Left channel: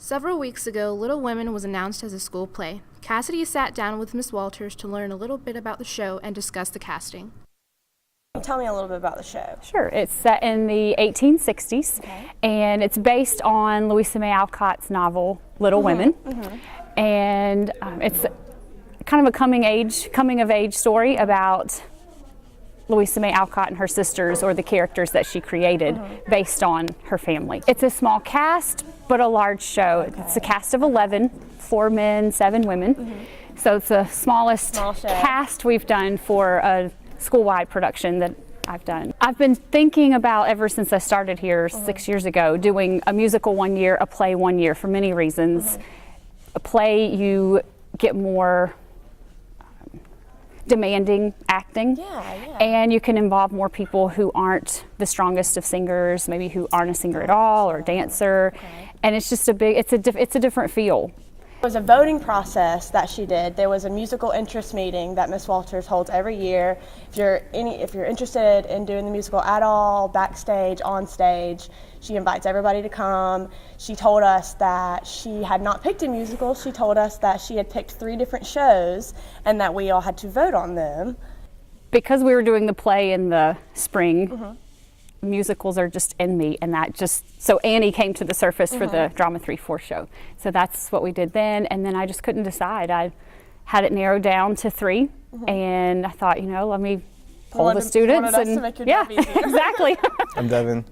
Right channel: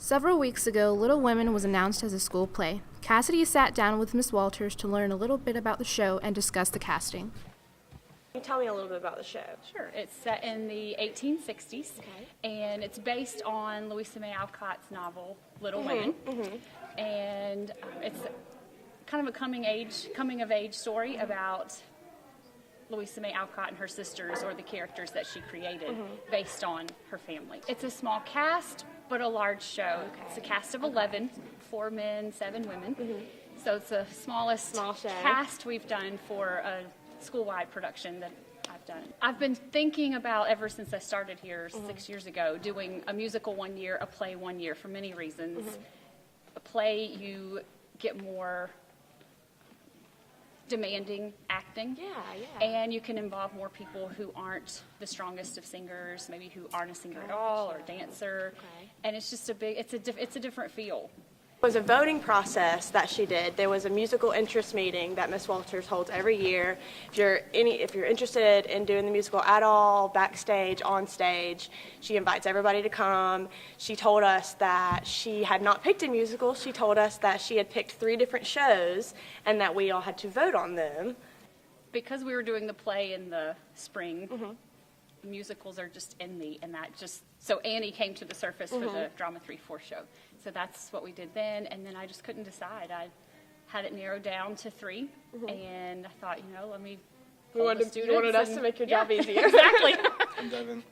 Several weeks ago, Little Women was announced as a school play. Cassidy sat down with Miss Walters to learn a little bit about the show and discuss the casting. Tell me a little bit about the show. Sure. It's set in the 1860s, and it's based on Louisa May Alcott's novel Little Women. And it's kind of a coming of age story about Louisa May Alcott and her sisters, or the characters that she created based on her family. It's a small cast, but a large show. It's a cast of 11, 4 men, 7 women. So it's the smallest cast we've done for a school-wide production that I've done. I've been thinking about, ever since I started here 6 years ago, doing a musical 1 year, a play 1 year, for many reasons. A play, you get more demanding acting, and you can involve more people who aren't the strongest of singers, maybe who aren't a singer at all or a dancer, and it's just it's a different feel. It was a voting process that she did. There was a musical interest meeting that Miss Walters holds every year. If you're interested in doing the musical at all, backstage, on stage, she invites everybody to come. She told us that she had not picked a musical. She told us that she had picked 3 different shows and that we all had to vote on them. Because we were doing the play in the spring, musicals are just in me, and so Annie came to the surface for the Drama 3-4 show. So that's what we did then, and then I just couldn't decide. I had it narrowed down to 3, and I thought, let me poll the students. To make your job easier. Exactly. I'm Devin.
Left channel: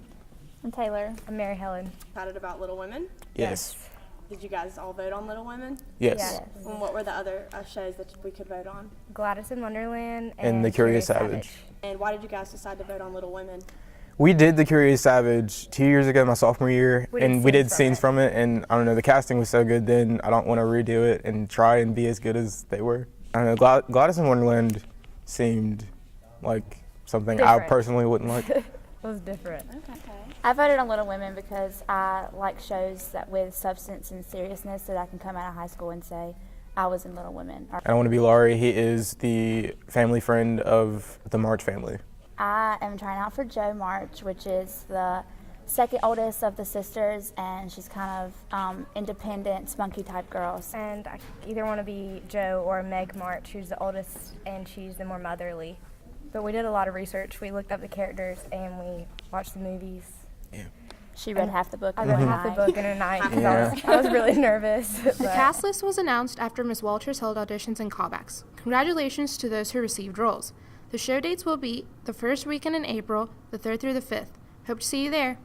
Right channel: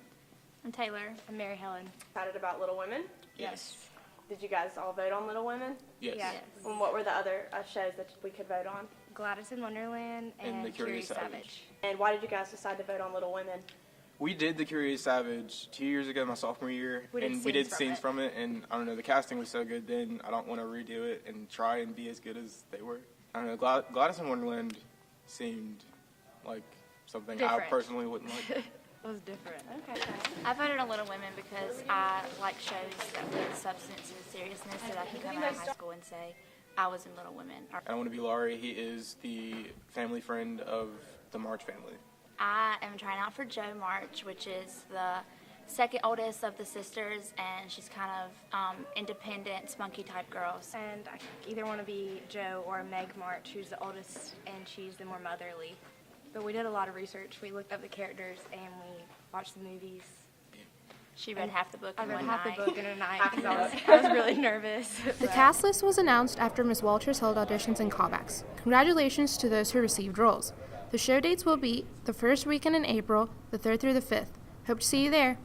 I'm Taylor. I'm Mary Helen. Excited about Little Women? Yes. Did you guys all vote on Little Women? Yes. And what were the other shows that we could vote on? Gladys in Wonderland And The Curious Savage. And why did you guys decide to vote on Little Women? We did The Curious Savage 2 years ago, my sophomore year, and we did scenes from it, and I don't know, the casting was so good then, I don't want to redo it and try and be as good as they were. I don't know, Gladys in Wonderland seemed like something I personally wouldn't like. It was different. Okay. I voted on Little Women because I like shows that with substance and seriousness, that I can come out of high school and say, I was in Little Women. I want to be Laurie. He is the family friend of the March family. I am trying out for Jo March, which is the second oldest of the sisters, and she's kind of independent, spunky type girl. And I either want to be Jo or Meg March, who's the oldest, and she's the more motherly. But we did a lot of research. We looked up the characters and we watched the movies. Yeah. She read half the book I in read one half night. the book in a night because I was really nervous. The cast list was announced after Miss Walters held auditions and callbacks. Congratulations to those who received roles. The show dates will be the first weekend in April, the 3rd through the 5th. Hope to see you there.